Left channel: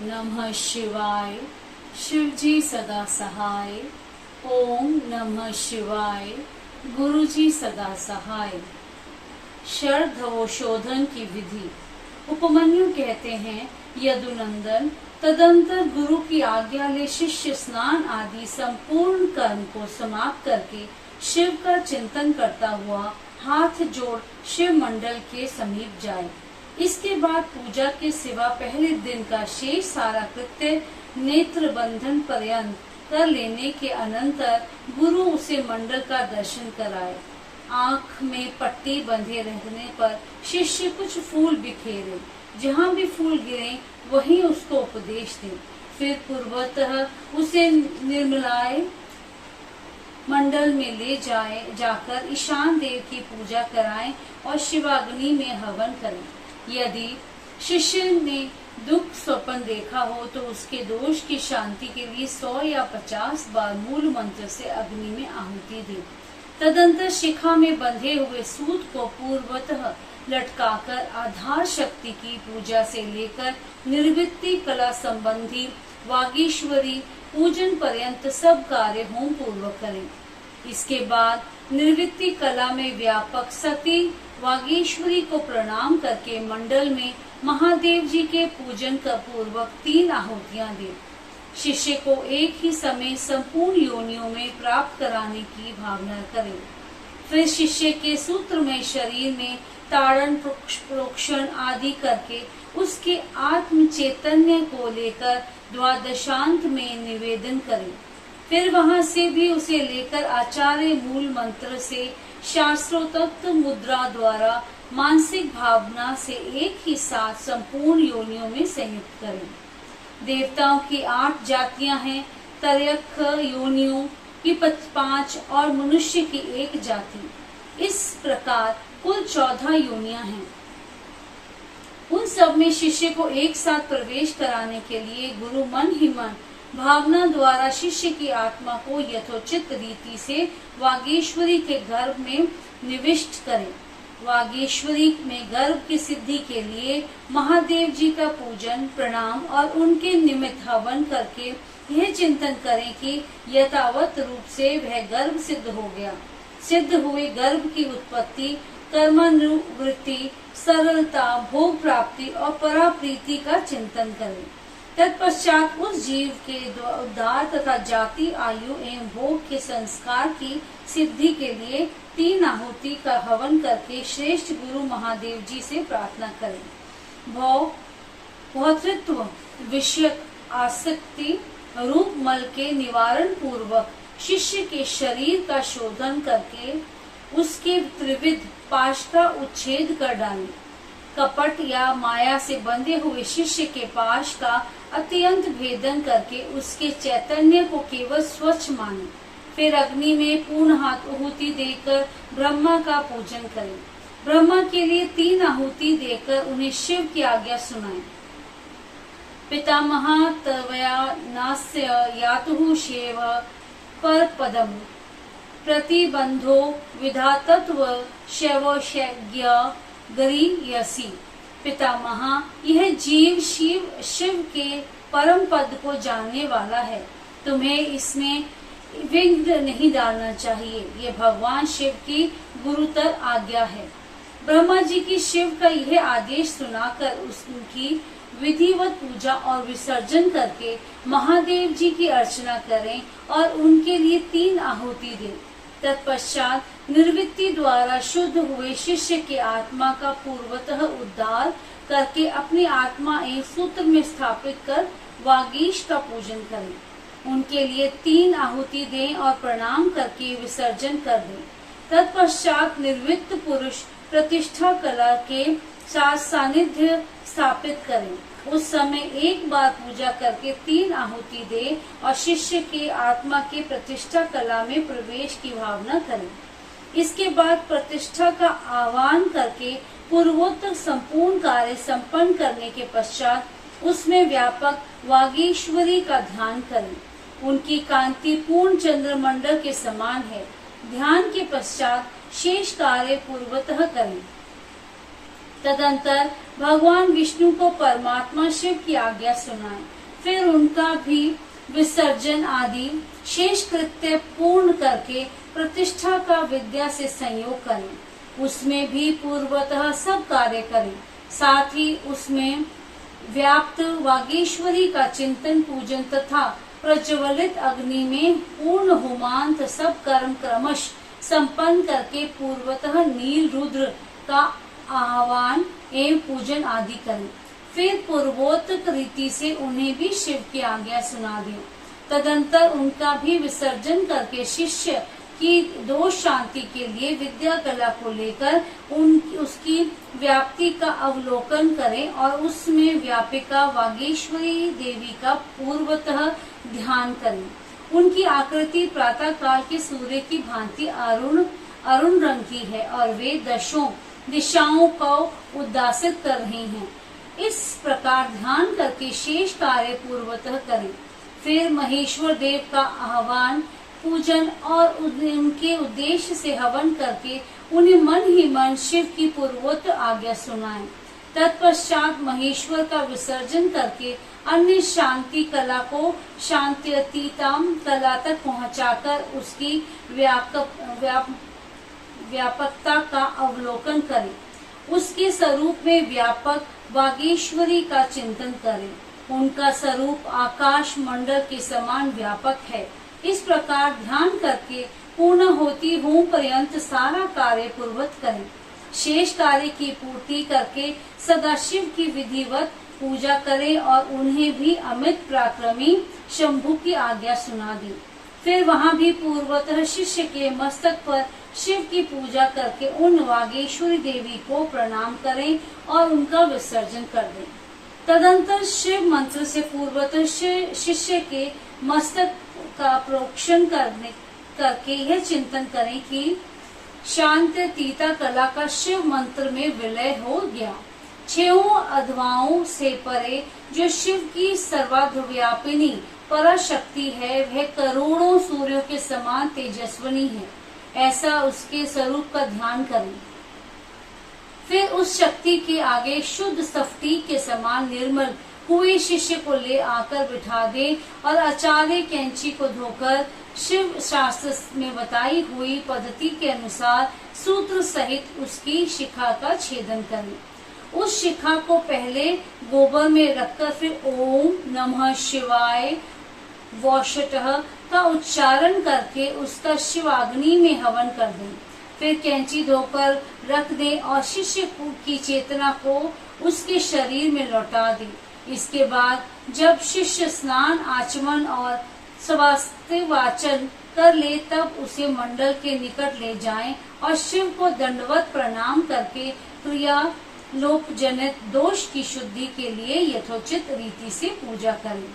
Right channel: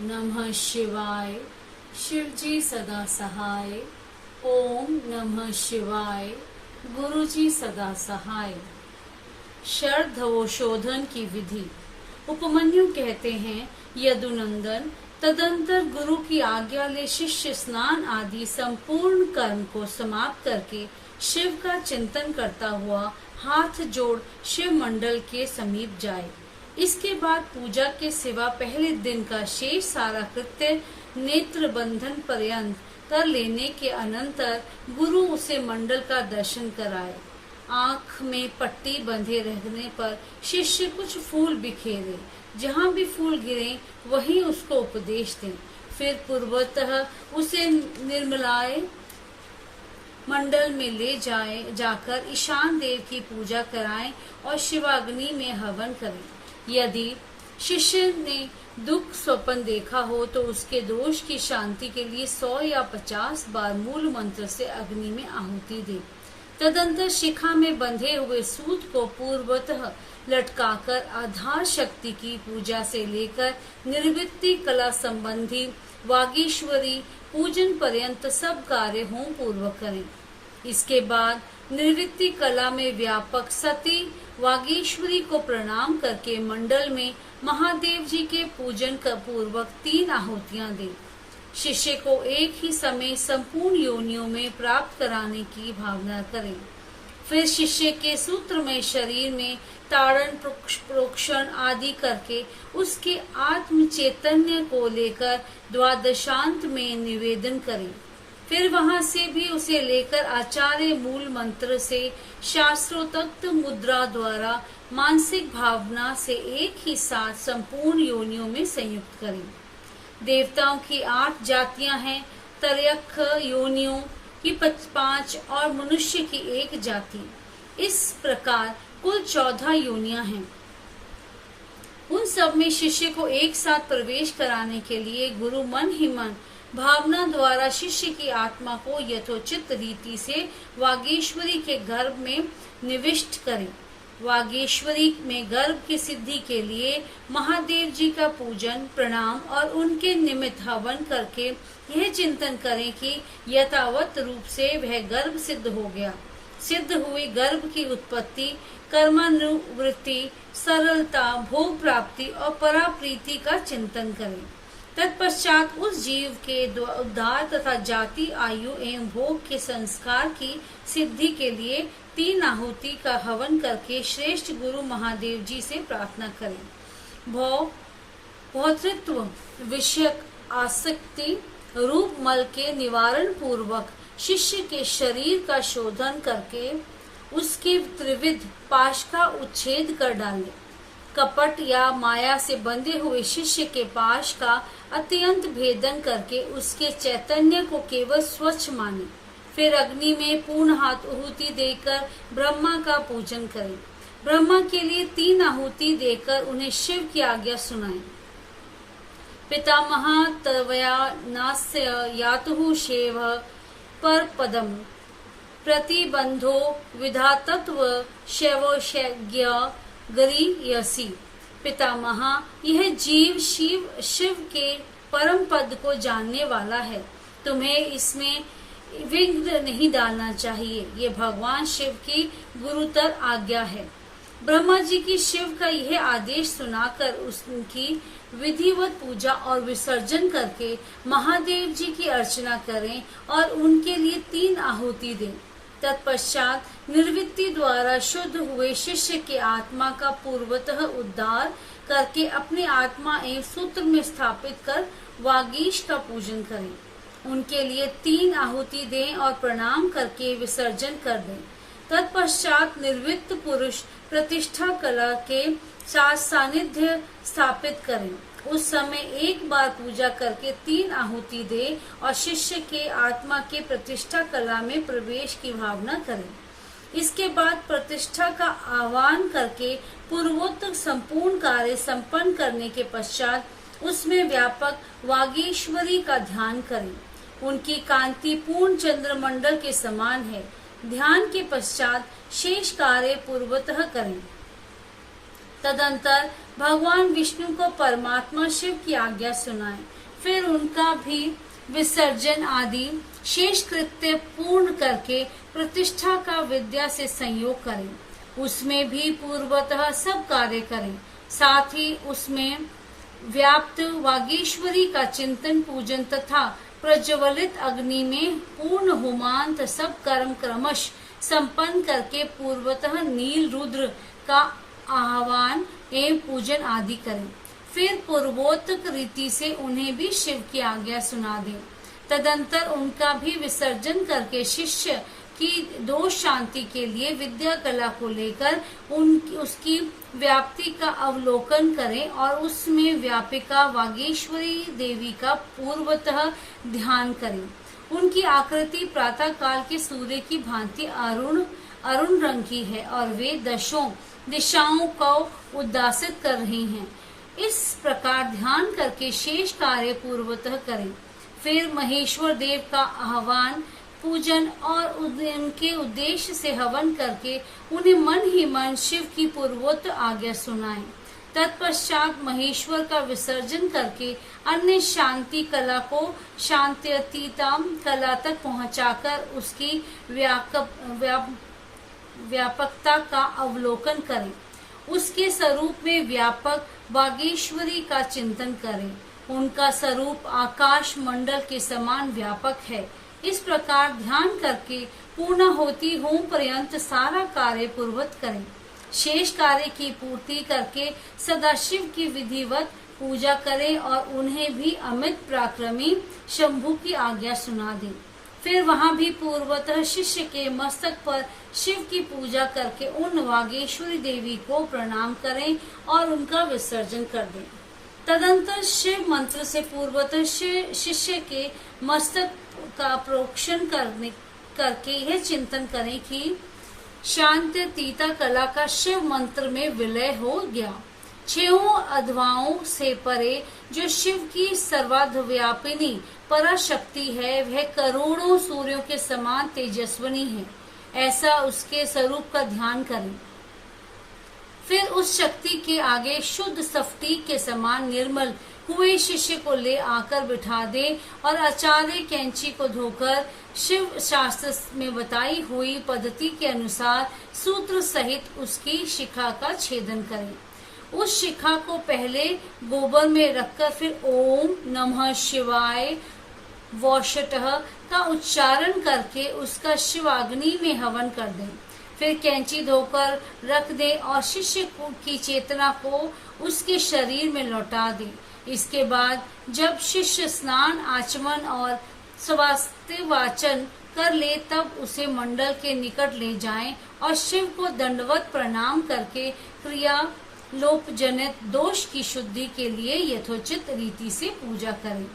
नमः शिवाय। शिव जी सदा सहाय। ओम नमः शिवाय। गुरु जी सदा सहाय। शरधवशोधन की विधि। उपमन्यु कहते हैं, यदुनंदन, तदंतर गुरु की आज्ञा ले शिष्य स्नान आदि संपूर्ण कर्म को समाप्त करके शिव का चिंतन करता हुआ हाथ जोड़ शिव मंडल के समीप जाए। इसके बाद पूजा के सिवा पहले दिन का शेष सारा कृत्य नेत्र बंधन पर्यंत कर लेने के अनंतर गुरु उसे मंडल का दर्शन कराए। आँख में पट्टी बंधे रहने पर शिष्य कुछ फूल बिखेरे, जहाँ भी फूल गिरे वहीं उसको उपदेश दे। फिर पूर्वतः उसे निर्मलाय मंडल में ले जाकर ईशान देव की पूजा कराएं और शिवाग्नि में हवन करें। यदि शिष्य ने दुख स्वप्न देखा हो तो उसके दोष की शांति के लिए 100 या 50 बार मूल मंत्र से अग्नि में आहुति दे। तदंतर शिखा में बंधे हुए सूत को पूर्वतः लटकाकर आधार शक्ति की पूजा से लेकर निर्वृत्ति कला संबंधी वागीश्वरी पूजन पर्यंत सब कार्य होम पूर्वक करें। इसके बाद निर्वृत्ति कला में व्यापक सती वागीश्वरी को प्रणाम करके मंडल में महादेव जी के पूजन का पूर्वक 3 आहुतियां दे। शिष्य को एक ही समय संपूर्ण योनियों में प्राप्त कराने की भावना करें। फिर शिष्य के सूत्र में शरीर में ताड़न प्रोक्षण आदि करके उसके आत्म चैतन्य को लेकर द्वादशांत में निवेदन करें। फिर वहां से भी उसे लेकर आचार्य मूल मंत्र से शास्त्रोक्त मुद्रा द्वारा मानसिक भावना से एक ही साथ संपूर्ण योनियों में संयुक्त करें। देवताओं की 8 जातियां हैं, तरयख योनियों की 5 और मनुष्य की 1 जाति। इस प्रकार कुल 14 योनियां हैं। उन सब में शिष्य को एक साथ प्रवेश कराने के लिए गुरु मन ही मन भावना द्वारा शिष्य की आत्मा को यथोचित रीति से वागीश्वरी के गर्भ में निविष्ट करें। वागीश्वरी में गर्भ की सिद्धि के लिए महादेव जी का पूजन प्रणाम और उनके निमित्त हवन करके यह चिंतन करें कि यथावत रूप से वह गर्भ सिद्ध हो गया। सिद्ध हुए गर्भ की उत्पत्ति, कर्मानुवृत्ति, सरलता, भोग प्राप्ति और पराप्रीति का चिंतन करें। तत्पश्चात उस जीव के उद्धार तथा जाति, आयु एवं भोग के संस्कार की सिद्धि के लिए 3 आहुति का हवन करके श्रेष्ठ गुरु महादेव जी से प्रार्थना करें। भौतृत्व विषयक आसक्ति रूप मल के निवारण पूर्वक शिष्य के शरीर का शोधन करके उसके त्रिविध पाश का उच्छेद कर डालें। कपट या माया से बंधे हुए शिष्य के पाश का अत्यंत भेदन करके उसके चैतन्य को केवल स्वच्छ माने। फिर अग्नि में पूर्ण आहुति देकर ब्रह्मा का पूजन करें। ब्रह्मा के लिए 3 आहुति देकर उन्हें शिव की आज्ञा सुनाएं। पितामह तवया नास्य यातुः शेव पर पदम प्रतिबंधो विधातत्व शैवोषज्ञ गरीयसी। पितामह, यह जीव शिव के परम पद को जानने वाला है। तुम्हें इसमें विघ्न नहीं डालना चाहिए। ये भगवान शिव की गुरुतर आज्ञा है। ब्रह्मा जी की शिव का यह आदेश सुनाकर उनकी विधिवत पूजा और विसर्जन करके महादेव जी की अर्चना करें और उनके लिए 3 आहुति दें। तत्पश्चात निर्वृत्ति द्वारा शुद्ध हुए शिष्य के आत्मा का पूर्वतः उद्धार करके अपनी आत्मा एक सूत्र में स्थापित कर वागीश का पूजन करें। उनके लिए 3 आहुति दें और प्रणाम करके विसर्जन कर दें। तत्पश्चात निर्वृत्त पुरुष प्रतिष्ठा कला के साथ सानिध्य स्थापित करें। उस समय एक बार पूजा करके 3 आहुति दे और शिष्य के आत्मा के प्रतिष्ठा कला में प्रवेश की भावना करें। इसके बाद प्रतिष्ठा का आह्वान करके पूर्वोत्तर संपूर्ण कार्य संपन्न करने के पश्चात उसमें व्यापक वागीश्वरी का ध्यान करें। उनकी कांति पूर्ण चंद्रमंडल के समान है। ध्यान के पश्चात शेष कार्य पूर्वतः करें। तदंतर भगवान विष्णु को परमात्मा शिव की आज्ञा सुनाएं। फिर उनका भी विसर्जन आदि शेष कृत्य पूर्ण करके प्रतिष्ठा का विद्या से संयोग करें। उसमें भी पूर्वतः सब कार्य करें। साथ ही उसमें व्याप्त वागीश्वरी का चिंतन पूजन तथा प्रज्वलित अग्नि में पूर्ण होमांत सब कर्म क्रमश संपन्न करके पूर्वतः नील रुद्र का आह्वान एवं पूजन आदि करें। फिर पूर्वोक्त रीति से उन्हें भी शिव की आज्ञा सुना दें। तदंतर उनका भी विसर्जन करके शिष्य की दोष शांति के लिए विद्या कला को लेकर उसकी व्याप्ति का अवलोकन करें और उसमें व्यापिका वागीश्वरी देवी का पूर्वतः ध्यान करें। उनकी आकृति प्रातः काल के सूर्य की भांति अरुण रंग की है और वे दशों दिशाओं को उद्दासित कर रही हैं। इस प्रकार ध्यान करके शेष कार्य पूर्वतः करें। फिर महेश्वर देव का आह्वान पूजन और उनके उद्देश्य से हवन करके उन्हें मन ही मन शिव की पूर्वोक्त आज्ञा सुनाएं। तत्पश्चात महेश्वर का विसर्जन करके अन्य शांति कला को शांत्यतीतम कला तक पहुंचाकर उसकी व्यापकता का अवलोकन करें। उसके स्वरूप में व्यापक वागीश्वरी का चिंतन करें। उनका स्वरूप आकाश मंडल के समान व्यापक है। इस प्रकार ध्यान करके पूर्ण होती होम पर्यंत सारा कार्य पूर्वत करें। शेष कार्य की पूर्ति करके सदाशिव की विधिवत पूजा करें और उन्हें भी अमित पराक्रमी शंभु की आज्ञा सुना दें। फिर वहां भी पूर्वतः शिष्य के मस्तक पर शिव की पूजा करके उन वागेश्वरी देवी को प्रणाम करें और उनका विसर्जन कर दें। तदंतर शिव मंत्र से पूर्वतः शिष्य के मस्तक का प्रोक्षण करके यह चिंतन करें कि शांत्यतीता कला का शिव मंत्र में विलय हो गया। छहों अधवाओं से परे जो शिव की सर्वाध्यापिनी पराशक्ति है वह करोड़ों सूर्यों के समान तेजस्विनी है। ऐसा उसके स्वरूप का ध्यान करें। फिर उस शक्ति के आगे शुद्ध स्फटिक के समान निर्मल हुए शिष्य को ले आकर बिठा दे और आचार्य कैंची को धोकर शिव शास्त्र में बताई हुई पद्धति के अनुसार सूत्र सहित उसकी शिखा का छेदन करें। उस शिखा को पहले गोबर में रखकर फिर ओम नमः शिवाय वौषटः का उच्चारण करके उसका शिवाग्नि में हवन कर दें। फिर कैंची धोकर रख दें और शिष्य की चेतना को उसके शरीर में लौटा दें। इसके बाद जब शिष्य स्नान आचमन और स्वास्थ्य वाचन कर ले तब उसे मंडल के निकट ले जाएं और शिव को दंडवत प्रणाम करके क्रिया लोप जनित दोष की शुद्धि के लिए यथोचित रीति से पूजा करें।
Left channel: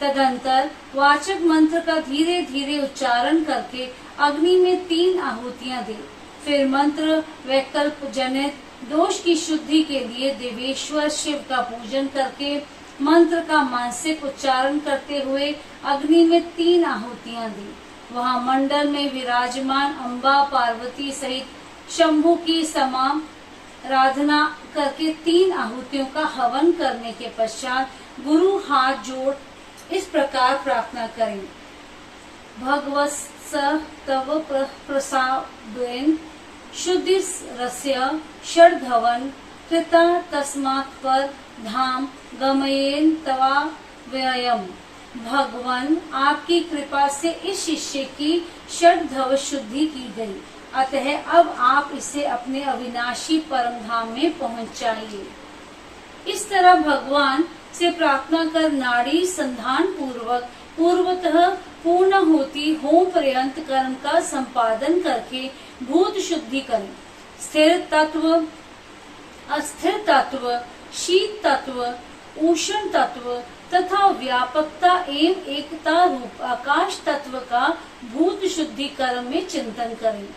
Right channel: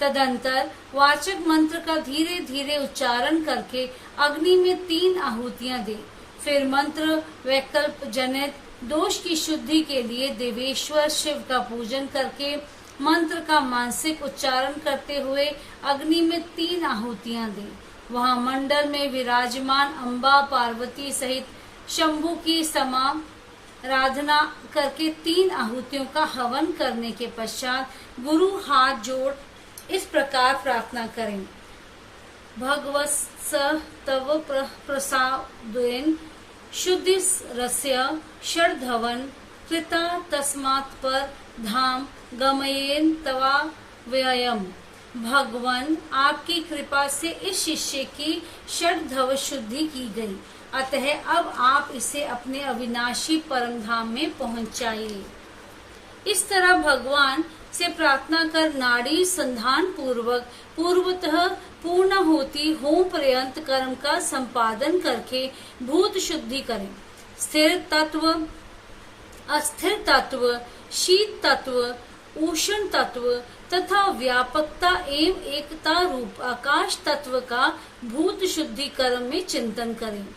तदंतर वाचक मंत्र का धीरे धीरे उच्चारण करके अग्नि में 3 आहुतियां दे। फिर मंत्र वैकल्प जनित दोष की शुद्धि के लिए देवेश्वर शिव का पूजन करके मंत्र का मानसिक उच्चारण करते हुए अग्नि में 3 आहुतियां दी। वहां मंडल में विराजमान अम्बा पार्वती सहित शंभु की समाराधना करके 3 आहुतियों का हवन करने के पश्चात गुरु हाथ जोड़ इस प्रकार प्रार्थना करें। भगवत्स तव प्रसादेन शुद्धि रस्य षड्धवन कृता तस्मात् पर धाम गमयेन तवा व्ययम। भगवान आपकी कृपा से इस शिष्य की षड्धव शुद्धि की गई, अतः अब आप इसे अपने अविनाशी परम धाम में पहुंचाइए। इस तरह भगवान से प्रार्थना कर नाड़ी संधान पूर्वक पूर्वतः पूर्ण होती होम पर्यंत कर्म का संपादन करके भूत शुद्धि करें। स्थिर तत्व, अस्थिर तत्व, शीत तत्व, उष्ण तत्व तथा व्यापकता एवं एकता रूप आकाश तत्व का भूत शुद्धि कर्म में चिंतन करें।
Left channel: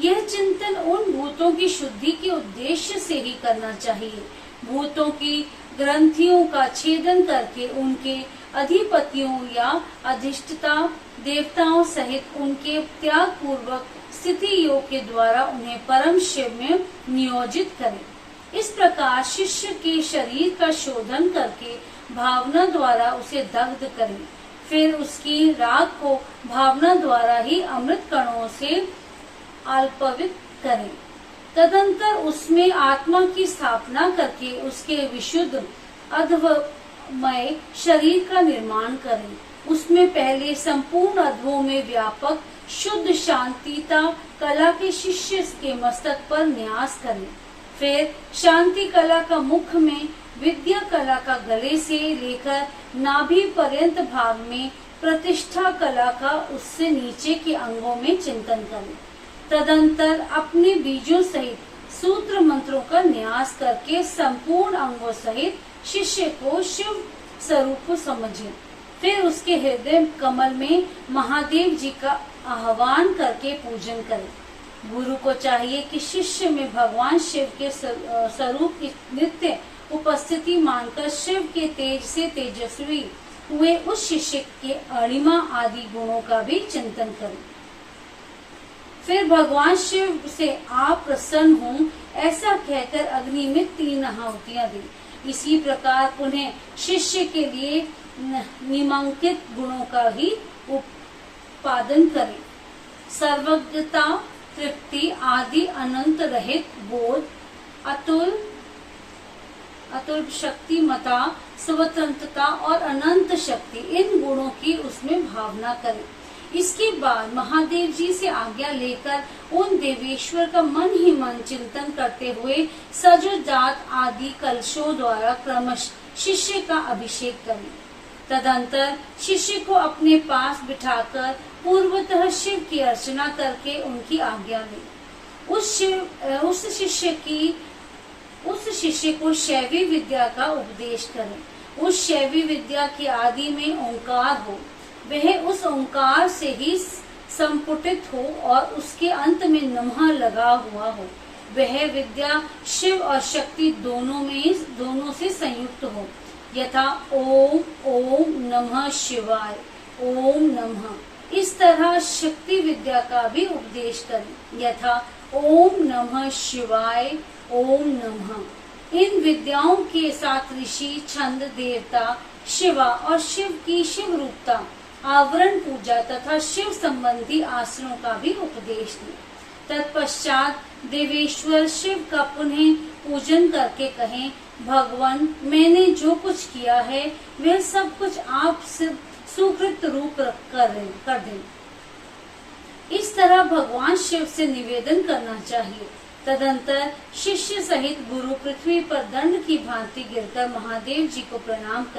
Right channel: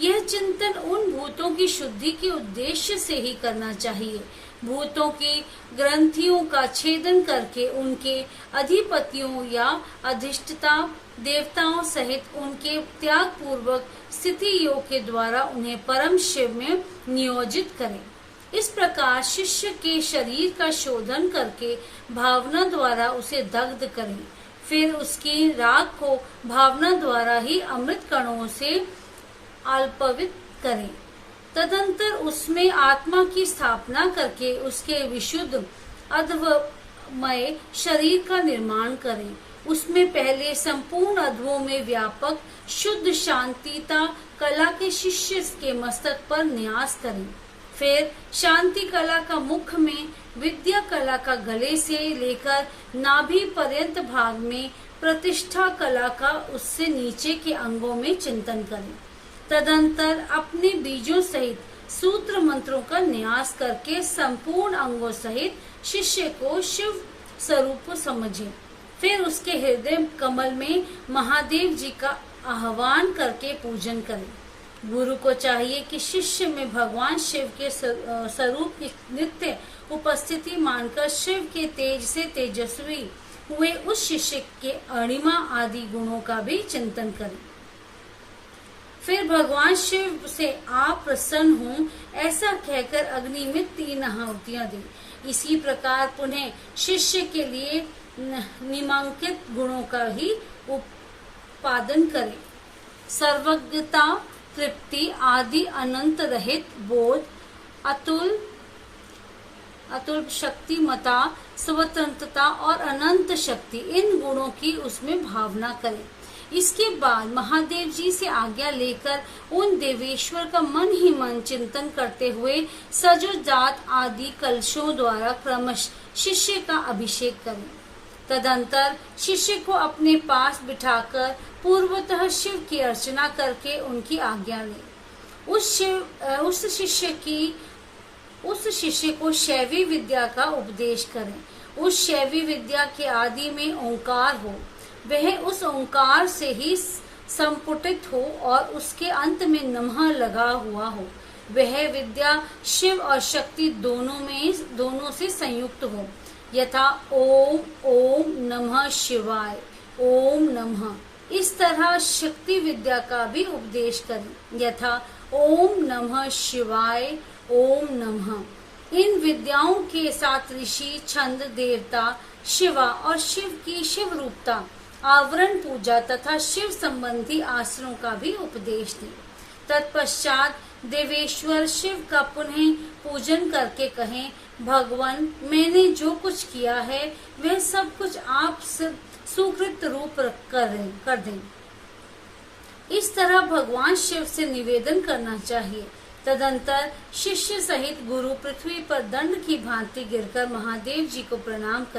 यह चिंतन उन भूतों की शुद्धि के उद्देश्य से ही करना चाहिए। भूतों की ग्रंथियों का छेदन करके उनके अधिपतियों या अधिष्ठता देवताओं सहित उनके त्याग पूर्वक स्थिति योग के द्वारा उन्हें परम शिव में नियोजित करें। इस प्रकार शिष्य के शरीर का शोधन करके भावना द्वारा उसे दग्ध करें, फिर उसकी राख को भावना द्वारा ही अमृत कणों से अल्पवित करें। तदंतर उसमें आत्मा की स्थापना करके उसके विशुद्ध अध्वमय शरीर का निर्माण करें। उसमें पहले संपूर्ण अध्वों में व्यापक शुद्ध शांतिता कला के शिष्य के मस्तक पर न्यास करें। फिर शांति कला का मुख में, विद्या कला का गले से लेकर नाभि पर्यंत भाग में, प्रतिष्ठा कला का उससे नीचे के अंगों में चिंतन करें। तदंतर अपने बीजों सहित सूत्र मंत्रों का न्यास करके संपूर्ण अंगों सहित शिष्य को शिव स्वरूप समझें। फिर उसके हृदय कमल में महादेव जी का आह्वान करके पूजन करें। गुरु को चाहिए कि शिष्य में भगवान शिव के स्वरूप की नित्य उपस्थिति मानकर शिव के तेज से तेजस्वी हुए उस शिष्य के अणिमा आदि गुणों का भी चिंतन करें। फिर भगवान शिव से आप प्रसन्न हों ऐसा कहकर अग्नि में 3 आहुतियां दें। इसी प्रकार पुनः शिष्य के लिए निम्नांकित गुणों का ही उत्पादन करें। सर्वज्ञता, तृप्ति आदि, अनंत रहित बोध, अतुल शक्तिमता, स्वतंत्रता और अनंत शक्ति, इन गुणों की उसमें भावना करें। इसके बाद महादेव जी से आज्ञा लेकर उन देवेश्वर का मन ही मन चिंतन करते हुए सजोजात आदि कलशों द्वारा क्रमश शिष्य का अभिषेक करें। तदंतर शिष्य को अपने पास बिठाकर पूर्वतः शिव की अर्चना करके उनकी आज्ञा लें। उस शिष्य को शैवी विद्या का उपदेश करें। उस शैवी विद्या के आदि में ओंकार हो, वह उस ओंकार से ही संपुटित हो और उसके अंत में नमः लगा हुआ हो। वह विद्या शिव और शक्ति दोनों से संयुक्त हो, यथा ओम ओम नमः शिवाय, ओम नमः। इस तरह शक्ति विद्या का भी उपदेश करें, यथा ओम नमः शिवाय, ओम नमः। इन विद्याओं के साथ ऋषि, छंद, देवता, शिवा और शिव की शिव रूपता, आवरण पूजा तथा शिव संबंधी आसनों का भी उपदेश दें। तत्पश्चात देवेश्वर शिव का पुनः पूजन करके कहें, भगवान मैंने जो कुछ किया है वह सब कुछ आप सुकृत रूप कर दें। इस तरह भगवान शिव से निवेदन करना चाहिए। तदंतर शिष्य सहित गुरु पृथ्वी पर दंड की भांति गिरकर महादेव जी को प्रणाम कर